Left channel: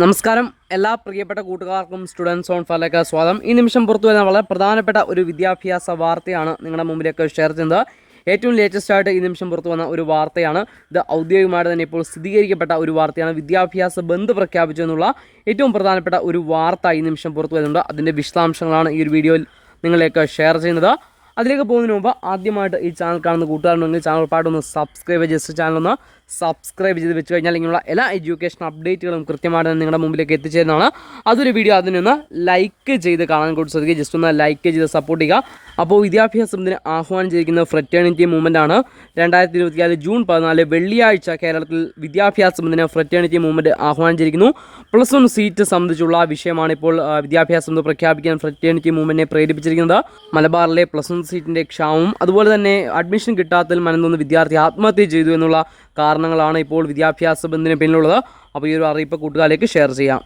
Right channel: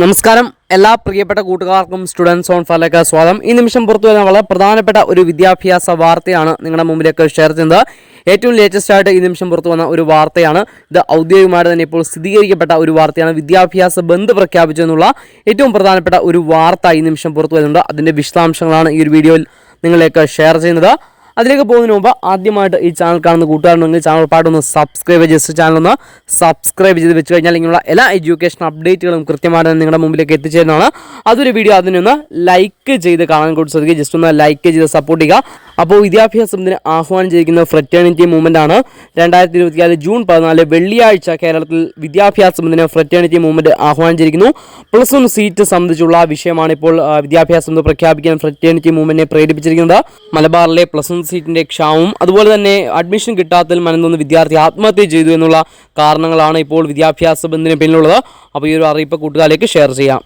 നമസ്കാരം എല്ലാ പ്രിയപ്പെട്ട കൂട്ടുകാർക്കും സ്റ്റുഡൻസ് ഓൺ ഫയറിലേക്ക് സ്വാഗതം. ഈ നിമിഷം പുറത്തു വരുന്ന വളരെ പ്രധാനപ്പെട്ട ഒരു വിദ്യാഭ്യാസ വാർത്തയാണ് നിങ്ങളുടെ മുമ്പിലേക്ക് ഷെയർ ചെയ്യുന്നത്. ഏറ്റവും ലേറ്റസ്റ്റ് ആയിട്ട് ഈ നിമിഷം പുറത്തു വന്ന ഒരു വാർത്തയാണ്. ഇത് ഔദ്യോഗികമായിട്ട് തന്നെ ഇപ്പോൾ സ്ഥിരീകരിക്കപ്പെട്ട ഒരു വാർത്തയാണ്. വിദ്യാഭ്യാസ ബന്ദ് പ്രഖ്യാപിച്ചു എന്നുള്ള ഏറ്റവും പ്രധാനപ്പെട്ട ഒരു വാർത്ത ഈ നിമിഷം പുറത്തു വരുന്നുണ്ട്. അതിൻ്റെ വിശദാംശങ്ങളാണ് ഈ ഒരു വീഡിയോയിൽ നിങ്ങളിലേക്ക് ഷെയർ ചെയ്യുന്നത്. അതിലേക്ക് പോകുന്നതിന് മുമ്പ് ആദ്യമായിട്ട് ഈ ചാനൽ കാണുന്ന കൂട്ടുകാരുണ്ടെങ്കിൽ ചാനൽ പാട്ടൊന്ന് സബ്സ്ക്രൈബ് ചെയ്ത് ചാനലൊന്ന് സബ്സ്ക്രൈബ് ചെയ്ത് വെച്ച് കഴിഞ്ഞാൽ ഇങ്ങനെയുള്ള എല്ലാ എഡ്യൂക്കേഷൻ അപ്ഡേറ്റുകളും കൃത്യമായിട്ട് നിങ്ങളുടെ മുമ്പിലേക്ക് എത്തിച്ചേരുന്നതാണ്. അതൊരു വീഡിയോ അതിനൊന്ന് ലൈക്ക് ചെയ്ത് കാണാൻ കൂടി ശ്രദ്ധിക്കുക. ജസ്റ്റ് ഒന്ന് ലൈക്ക് ചെയ്ത് സപ്പോർട്ട് ചെയ്യുക. അപ്പോൾ വിദ്യാഭ്യാസത്തിന് ആഹ്വാനം ചെയ്തിരിക്കുന്ന ഫ്രറ്റേണിറ്റി മൂവ്മെൻ്റ് ആണ്. 2024 ജൂൺ 14 വെള്ളിയാഴ്ച കേരളത്തിൽ വിദ്യാഭ്യാസത്തിന് ഫ്രറ്റേണിറ്റി മൂവ്മെൻറ്റ് ആഹ്വാനം ചെയ്തിരിക്കുന്നു. +1 സീറ്റ് സംബന്ധിച്ചുള്ള വിഷയമാണ് ഇപ്പോൾ വിദ്യാഭ്യാസം പ്രഖ്യാപിക്കാൻ ഫ്രറ്റേണിറ്റി മൂവ്മെൻറ്റിനെ പ്രേരിപ്പിച്ചിരിക്കുന്നത്. മലബാറിലെ +1 സീറ്റിൻ്റെ ക്ഷാമവും അതുപോലെ തന്നെ അഡ്മിഷൻ കിട്ടാത്തതിൽ മനംനൊന്ന് വിദ്യാർത്ഥി ആത്മഹത്യ ചെയ്തു എന്നുള്ള കാരണങ്ങളാണ് ഇപ്പോൾ വിദ്യാഭ്യാസ ബന്ധിന് പിന്നിലുള്ളത്. അപ്പോൾ ഈ ഒരു അറിയിപ്പ് കൂട്ടുകാരിലേക്ക് ഷെയർ ചെയ്യാം.